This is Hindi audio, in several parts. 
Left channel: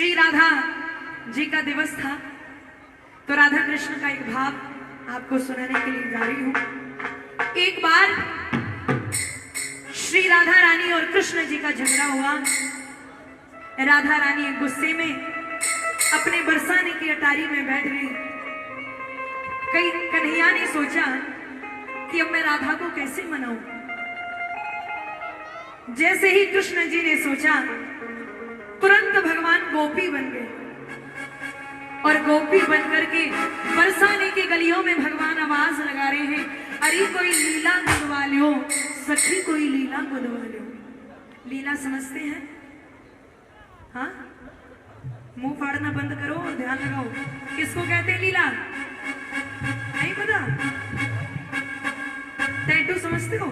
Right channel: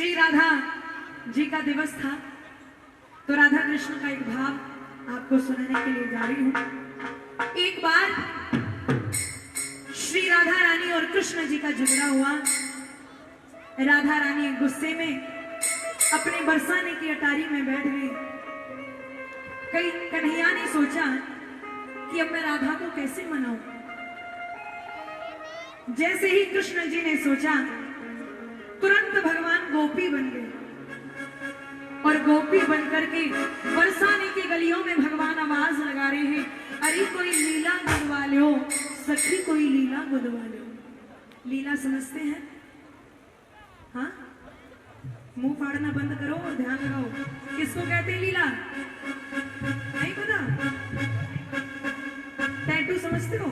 श्री राधा जी का दिवस था, तो राधा कृष्ण का एक भाव आपको सुनाने के लिए जा रही हूं। एक बार श्री राधा रानी और कृष्ण जी का झगड़ा हुआ। राधा रानी गुस्से में अपने बरसाने की अटारी में बैठ गई। कई कन्हैया ने सोचा कि अब मैं राधा को कैसे मनाऊं। जैसे ही कृष्ण जी ने सोचा, तुरंत भगवान गोपी बन गए और गोपी बनकर के बरसाने की गलियों में भगवान आवाज लगा रहे हैं, अरे कोई लीला गुनवा लो सखी, कोई लीला गुनवा लो। लीला समझते हैं? हाँ, मुंह फाड़ना बंद करो और ध्यान लगाओ। किसको कहते हैं लीला? नहीं पता? टैटू समझते हो?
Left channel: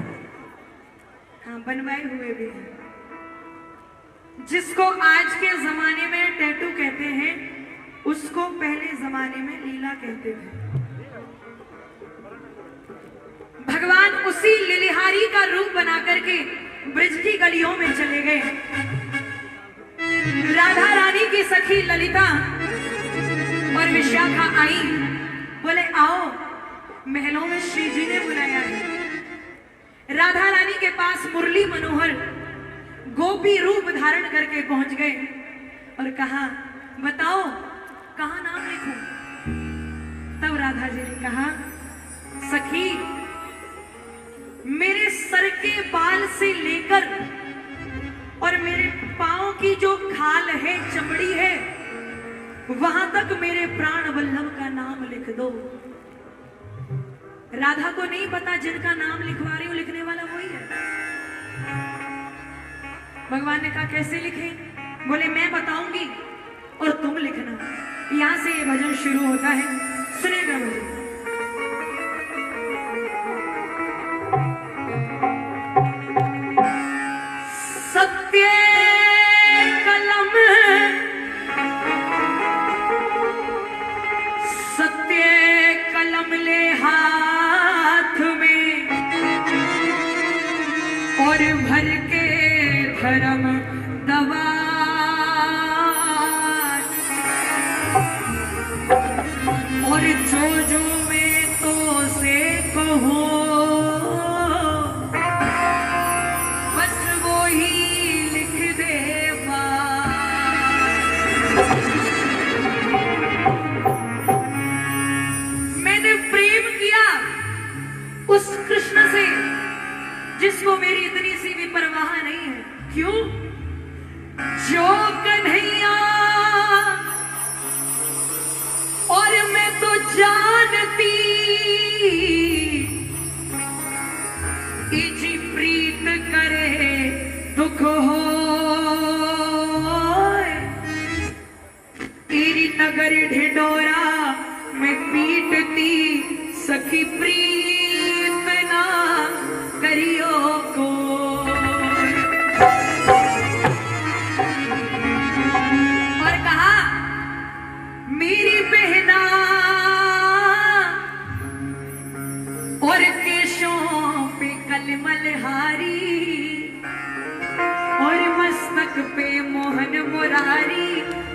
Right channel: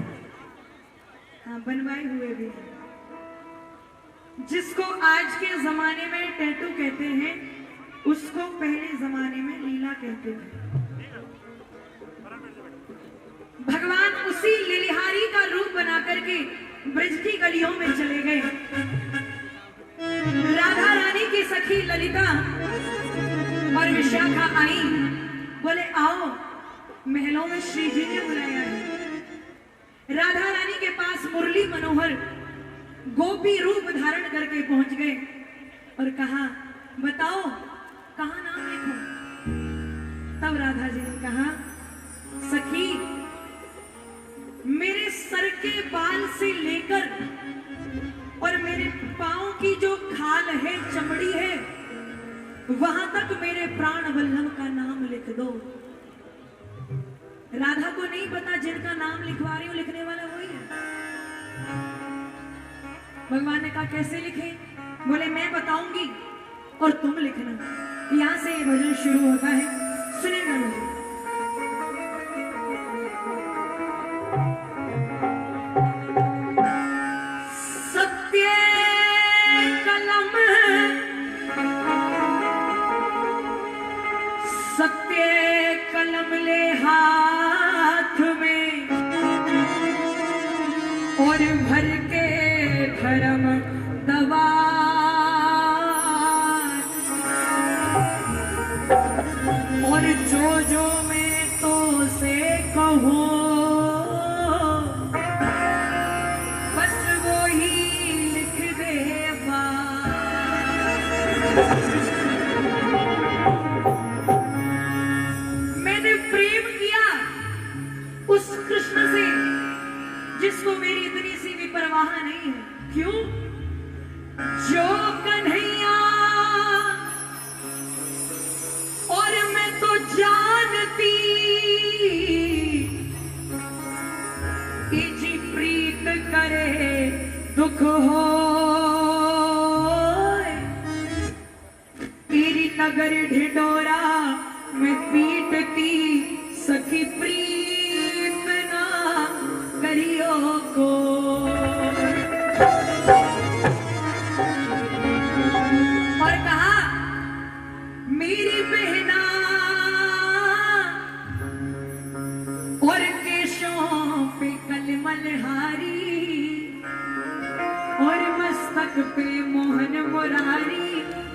हाँ, बनवाए हुए भी हैं। जिसको आज के जमाने में टैटू कहते हैं, उसको पहले जमाने में लीला कहते हैं। भगवान उसी लिलिहारी का रूप बना करके ब्रज की गलियों में चले गए। राधा रानी की सखी ललिता और विशाखा आई, बोले आओ, महलों में श्री जी ने बुलाया है। राधा रानी के पास मुरली मनोहर गोपी रूप धारण करके पहुंच गए और कहा, बताओ कहां नाम लिखूं? तब राधा जी ने कहा, सखी मेरे सर के बाल से लेकर और मेरे पांव की जो खाल है, चमड़ी है, वहां तक मेरे प्राण वल्लभ का नाम लिख दो। राधा को नहीं पता जिनका नाम लिखवा रही हूं, लिखने वाला वही है। भगवान ने कहा कैसे लिखे? बोले मैं बताऊंगी और तुम लिखना। यहां से ये भजन शुरू होता है, सुनेगा भजन। सत्य कलम सत्य कलम ले हाथ में और भर के धर्म दवा और जो मैं तो से कहूं बस वो ही लिख दे मैंने प्रेम किया उस कृष्ण से जिसको मेरी इतनी सी भी परवाह नहीं है। क्यों? जो कन्हैया और मैं तो जानती इजी प्रीत करे दुख हो, तेरी नगर ढिंडोरा में पीटती सखी प्रीत ना करियो को। और कहा मेरी बहना और केशों पे कलमल हारी और मस्तक पे मोहन मुरारी,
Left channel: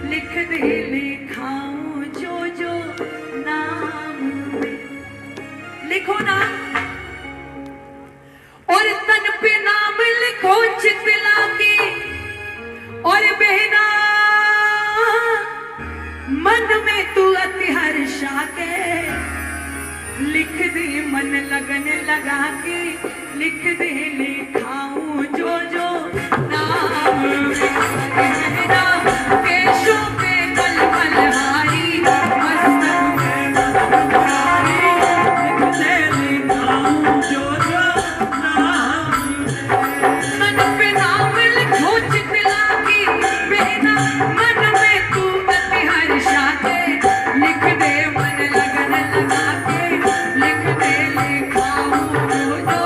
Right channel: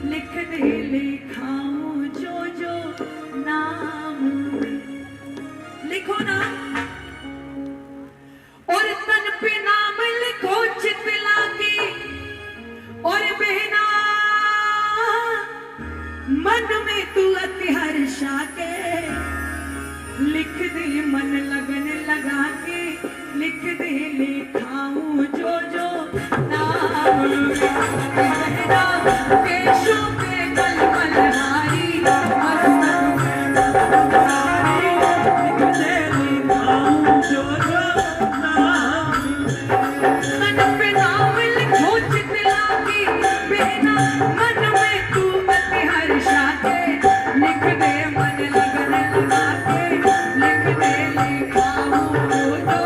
लिख दे लिखाऊं जो नाम लिखो ना, और तन पे नाम लिखो चितला के, और बहना मन में तू अति हर्षा के, लिख दे मन लगन लगा के, लिख दे लिखाऊं जो नाम केशों पे कलमल हारी मस्तक में लिखाऊं जो तन पे नाम लिखो चितला की, बहना मन में तू अति हर्षा के, लिख दे मन लगन लगा के, लिख दे लिखाऊं जो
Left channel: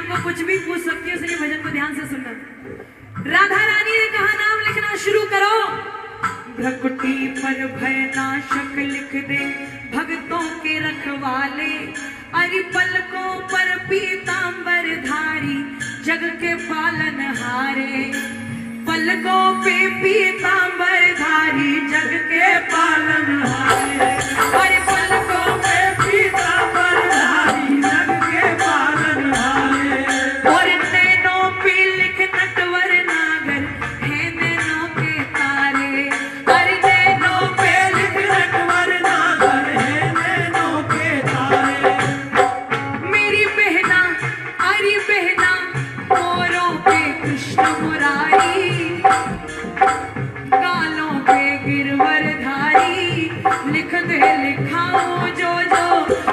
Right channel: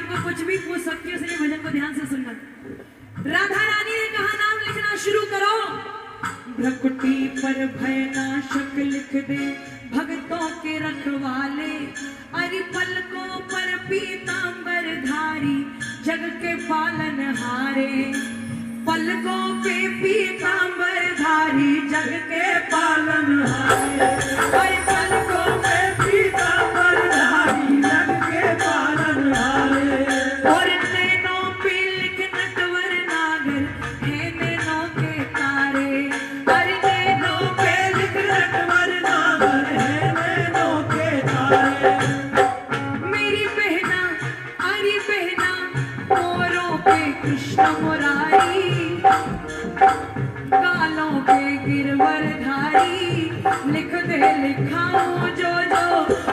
आपको कुछ भी पूछ सकती हूँ, इसलिए भजन को ध्यान से सुनना। राधा रानी ने कहा नाम लिखना शुरू करो। भ्रकुटी पर भयनाशक लिख दे भक्तों के रखवाले, अरि पलकों पर पीतांबर धारी जग के पालन हारे। पलकों पे पीतांबर धारी जग के पालन हारे, अरे पलकों पे पीतांबर धारी जग के पालन हारे। और नैनों पे लिख नटवर नागर है नैनों के तारे, अरे नैनों पे लिख नटवर नागर है नैनों के तारे। मेरी बहना अरे बहना मोरों पे कृष्ण मुरारी, गालों पे गिरवरधारी लिख दे लिखाऊं जो जो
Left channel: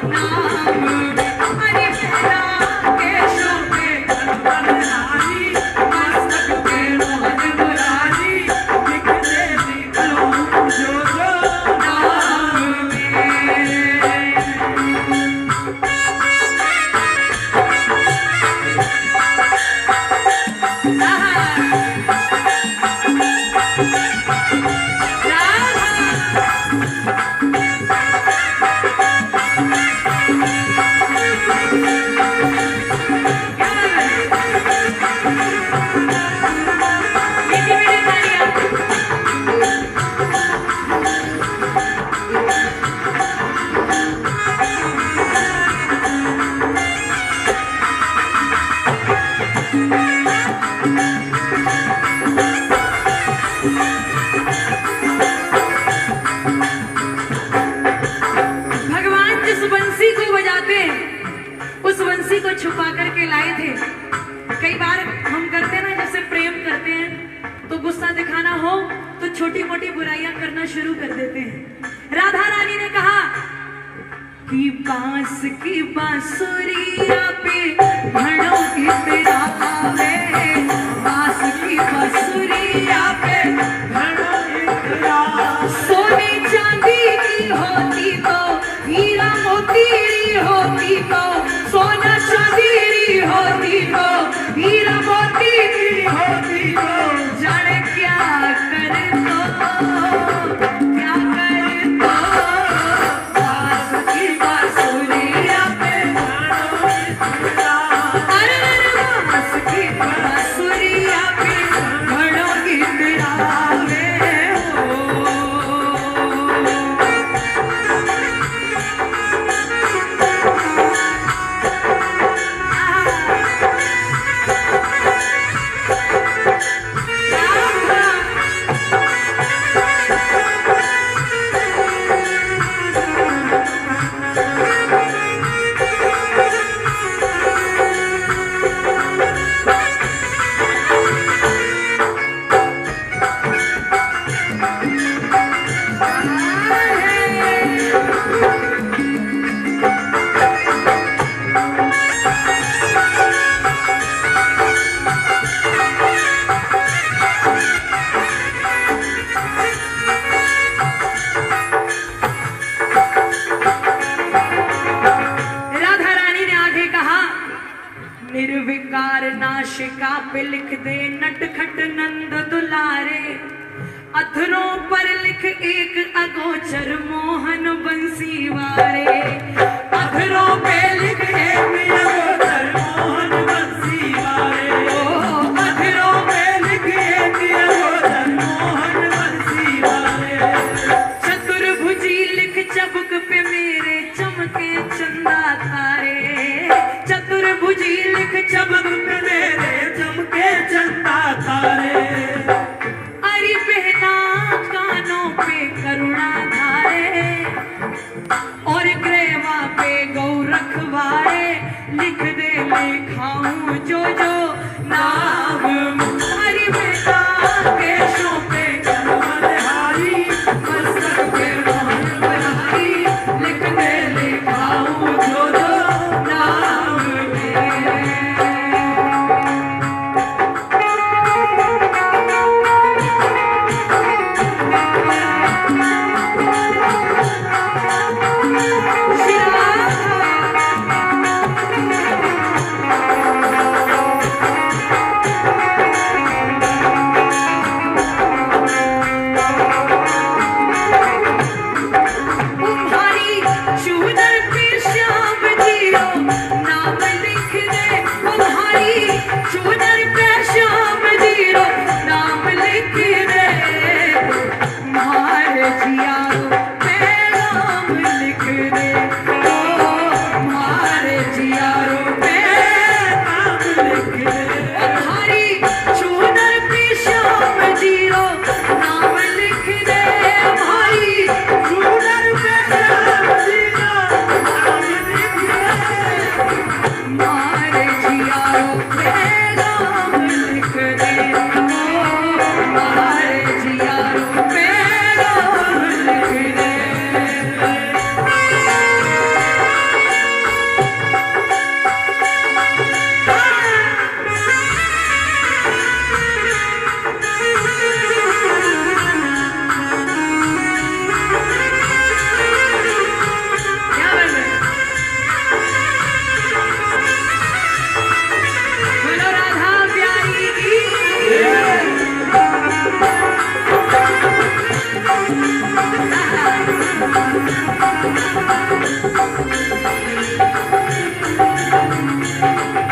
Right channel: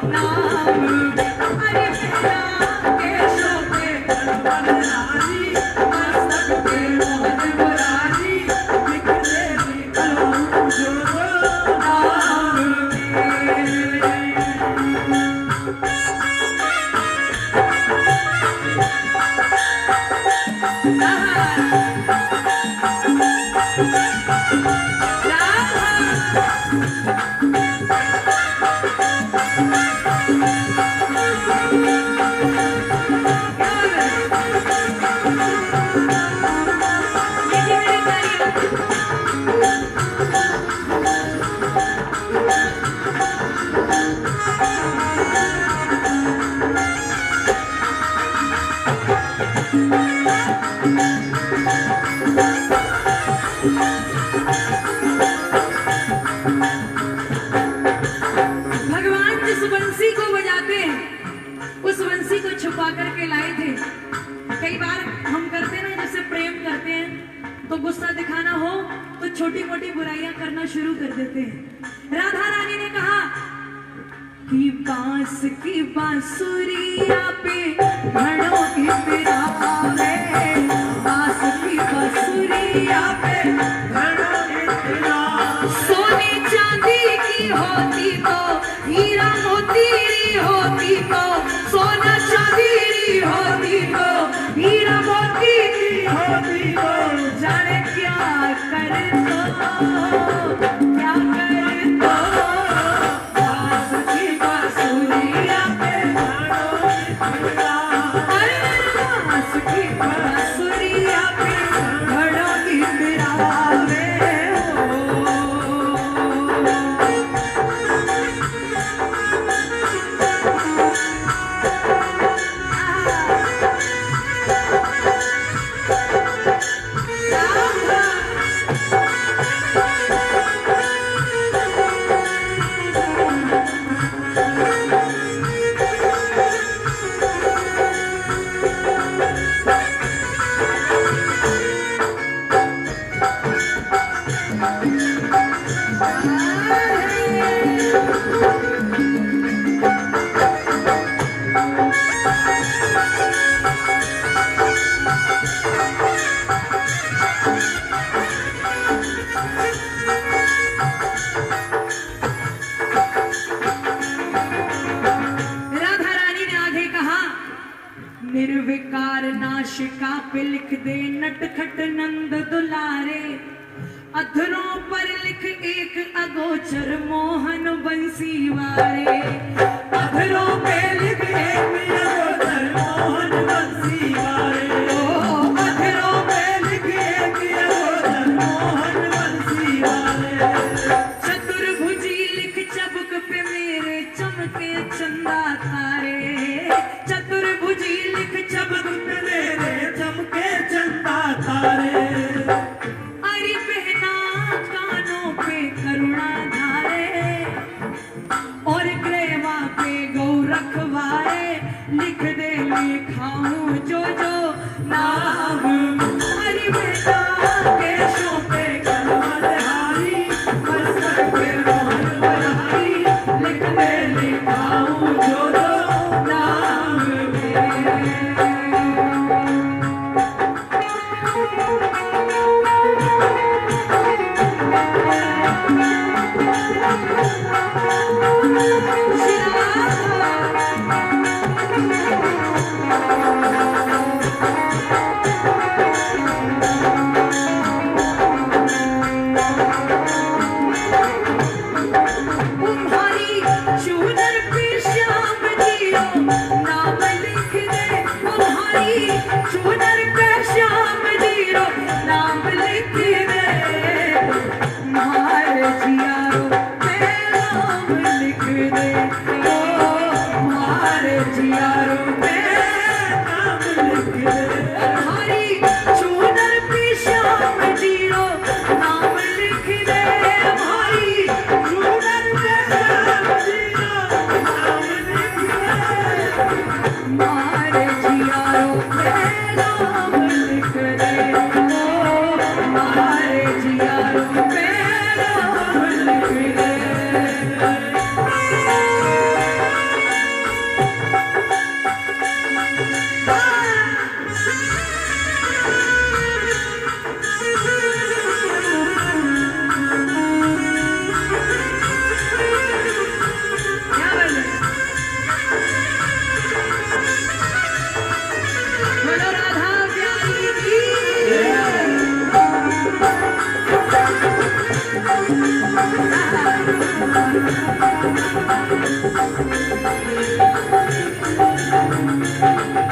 नाम। अरे बहना केशों पे गिरवरधारी, मस्तक पे मोहन मुरारी लिख दे लिखाऊं जो जो नाम में। भगवान जिस बंसी को बजाते हैं उस बंसी को छुपा करके लाए थे। कई बार हम करते हैं ना, जैसे प्रेम करते हैं तो गुस्सा दिखाना हो तो छोटी मोटी बुराइयां करना शुरू कर देते हैं। राधा रानी ने कहा कि बांस की बांसुरिया पे घड़ों इतरावे, बांस की बांसुरिया पे घड़ों इतरावे। सोने चांदी की होती तो हीरा मोती होती तो, सोना चांदी होती तो हीरा मोती होती तो, जाने क्या करे तो क्या करे तो। बांस की बांसुरिया पे बांस की बांसुरिया पे घड़ों गिड़ावे हो। निर्विकार नाशिका पे लिख दे नटखट नंद दुलारे, अधरों पर लिख एक अगोचर मोहन बंसी वारे। अधरों पे लिख एक अगोचर मोहन बंसी वारे, ओ अधरों पे लिख एक अगोचर मोहन बंसी वारे। चतुर्भुजी लिख चबुक पे मेरे चमके चंदा तारे, चतुर्भुजी लिख चबुक पे मेरे चमके चंदा तारे। अरे बहना कानों पे करुणा धारे, और ग्रेवा पे गौ रखवारे लिख दे लिखाऊं जो जो नाम। अरे बहना केशों पे गिरवरधारी, मस्तक पे मोहन मुरारी लिख दे लिखाऊं जो जो नाम में। जियारों पे नाम लिख दे, हमारे जियारों पे नाम लिख दे।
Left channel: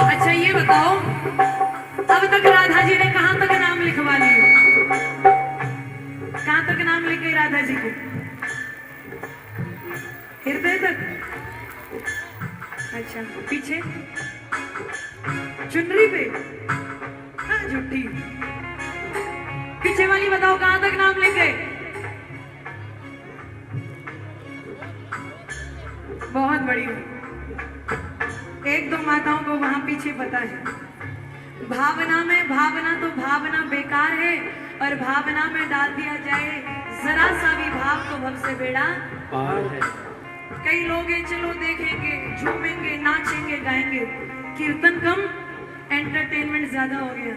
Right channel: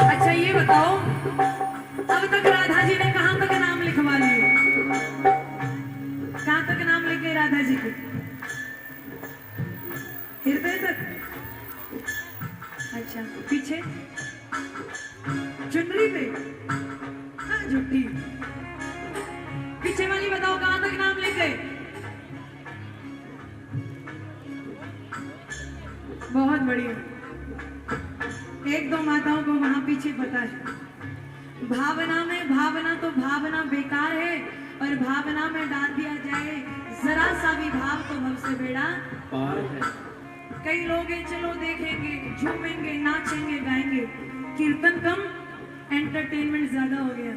अच्छा ये बताओ, अब तक राधा जी ने कहां तक नाम लिखवा लिए? कहां तक नाम लिखे राधा जी के? हृदय तक? अच्छा, पीछे चुनरी पे? हाँ, झूठी। पीछे वाली बताओ कहां तक नाम लिखे? बहुत बढ़िया। एक दो माताओं को वहां पीछे पता है। भावना में, भावना तो भावना बेकार है, और भावना में डाल दिया जाए जरा सा भी भाव तो भव से बेड़ा पार है। कई लोग हैं, चलो देखेंगे, झूमेंगे, नाचेंगे, गाएंगे, कीर्तन कम, एंटरटेनमेंट ज्यादा हो गया।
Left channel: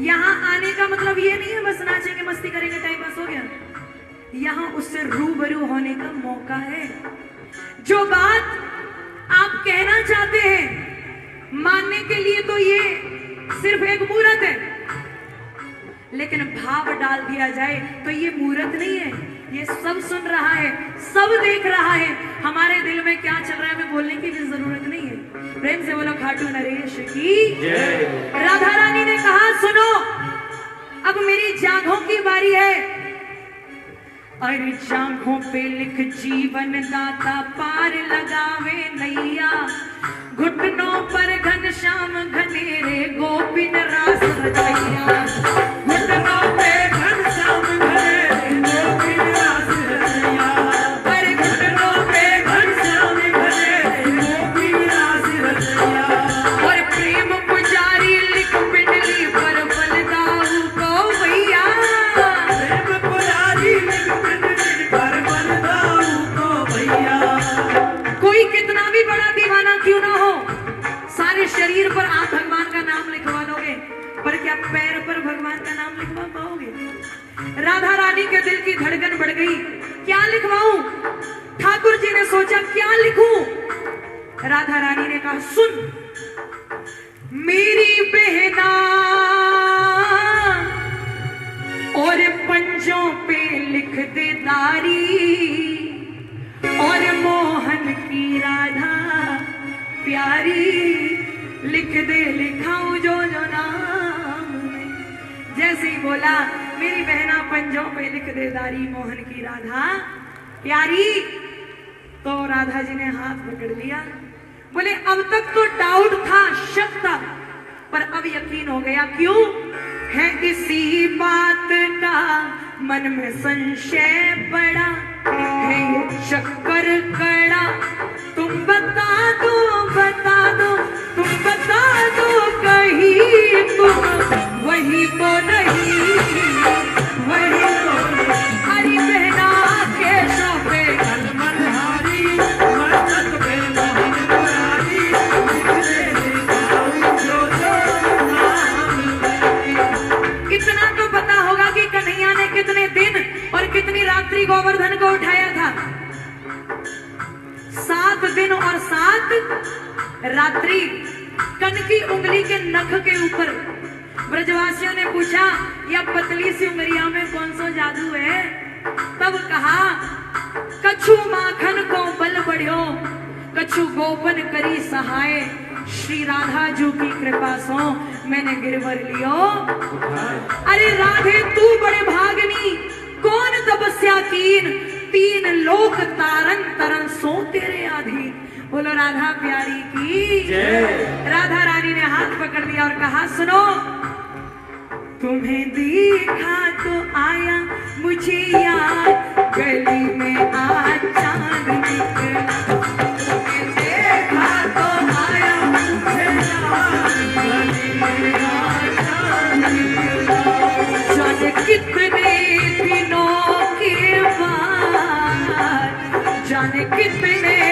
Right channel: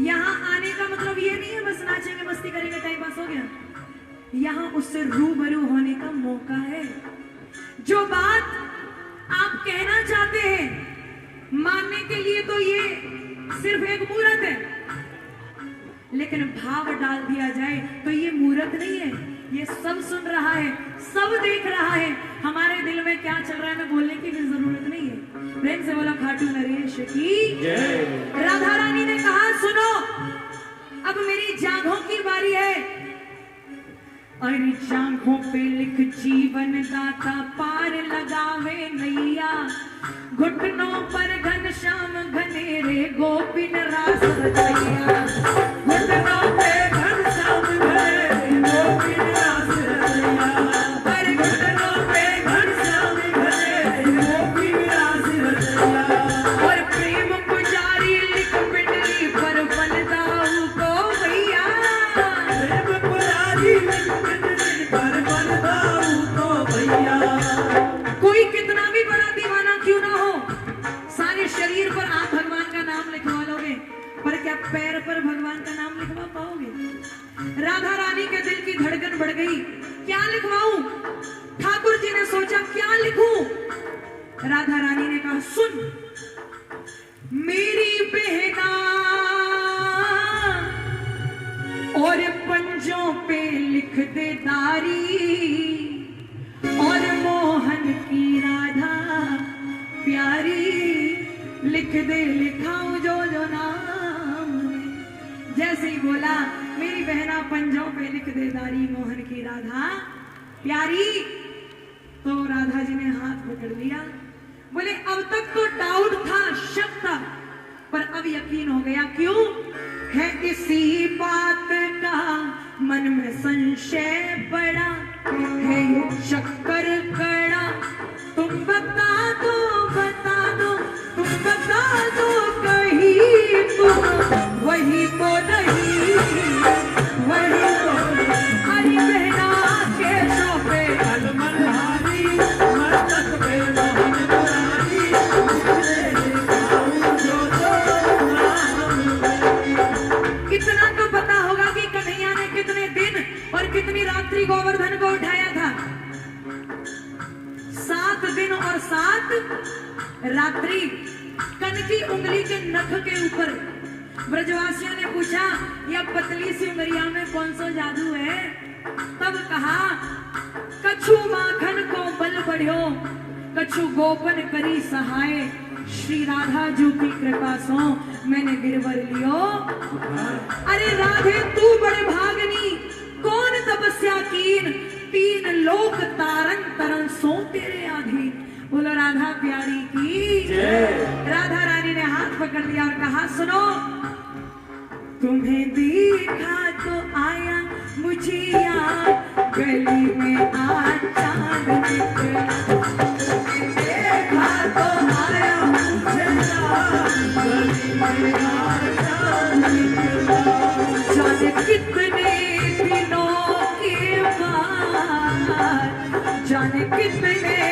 यहाँ आने का मतलब ये नहीं है बस नाचेंगे, मस्ती करेंगे, टाइम पास हो गया। यहाँ उससे रूबरू होने का मौका है। जो बात आप कहना चाहते हैं, मानने के लिए तो ये सिर्फ एक मूर्त है, लेकिन भाव डाल दिया जाए तो ये मूर्त नहीं है। ये सब सुन रहा है, सब देख रहा है, हमारे दिल में क्या चल रहा है हमें बोलने की भी जरूरत नहीं है। प्रेम से बोलो खाटू नरेश की। राधा रानी ने कहा सुनो, अब मेरी जागों की बारी है, और जांघों पे लिख जीवन दाता पार लगावे नैया, घुटनों पर घनश्याम घनेरे गोपिन रास रचैया, घुटनों पे घनश्याम घनेरे गोपिन रास रचैया, पर घुटनों पे घनश्याम घनेरे गोपिन रास रचैया, और प्रेम पुजारी लिख पिंडली पर बलदाऊ को भैया, प्रेम पुजारी लिख कोई कितना भी बड़ा दीवाना क्यों ना हो, सारे शरीर पर आप भगवान का नाम लिखवा लोगे, पर क्या पैर पर भगवान का नाम लिखवा पाओगे? राधा रानी के दिल की धड़कन बढ़ गई, क्या लिखवाऊं? ठाकुर जी ने सोचा क्या लिखूं? राधा रानी ने कहा सुन, मेरी बहना और पंजों पे लिख दे दारी, और मोहन की राधा प्यारी, लिख दे लिखाऊं जो जो नाम में। जैसे ही बोला मेरी बहना पंजों पे लिख दे दारी, मोहन की राधा प्यारी, तो राधा जी ने हाथ पकड़ लिया। बोले अब तक तो डाउट था, शक था, पर अब यकीन हो गया। क्यों है? इसी बात का मन में संशय पड़ा है, ये चक्कर कड़ा, तुम बता दो, बता दो, तुम बता दो कहीं तुम वही तो नहीं, वही तो हरी बहना के शोभे मनहारी, मस्तक पे मोहन मुरारी, कितना तो पता होगा कि कन्हैया ने कितने दिन और कितनी रात्रि गोवर्धन को उठाया था? 7 दिन और 7 रात्रि। कनकी उंगली के नख के ऊपर ब्रजवासियों ने पूछा यह पतली सी उंगलिया में कौन सा जादू है? तब कहा कछु माखन को बल बढ़ियो, कछु गोपन करी सहाय, श्री राधा जू की कृपा सो मैंने गिरवर लियो। अरे राधे तू बड़े भागनी, कौन तपस्या तीन लोक तारन तरन सो तेरे आधी। बोलो राधा प्यारी की। राधा रानी ने हाथ पकड़ लिया और कहा सुनो, तुम्हें देखा तो आया मुझे याद, गली में आज चांद निकला, तुम्हें देखा तो आया जाने कितने दिनों के बाद, जाने कितने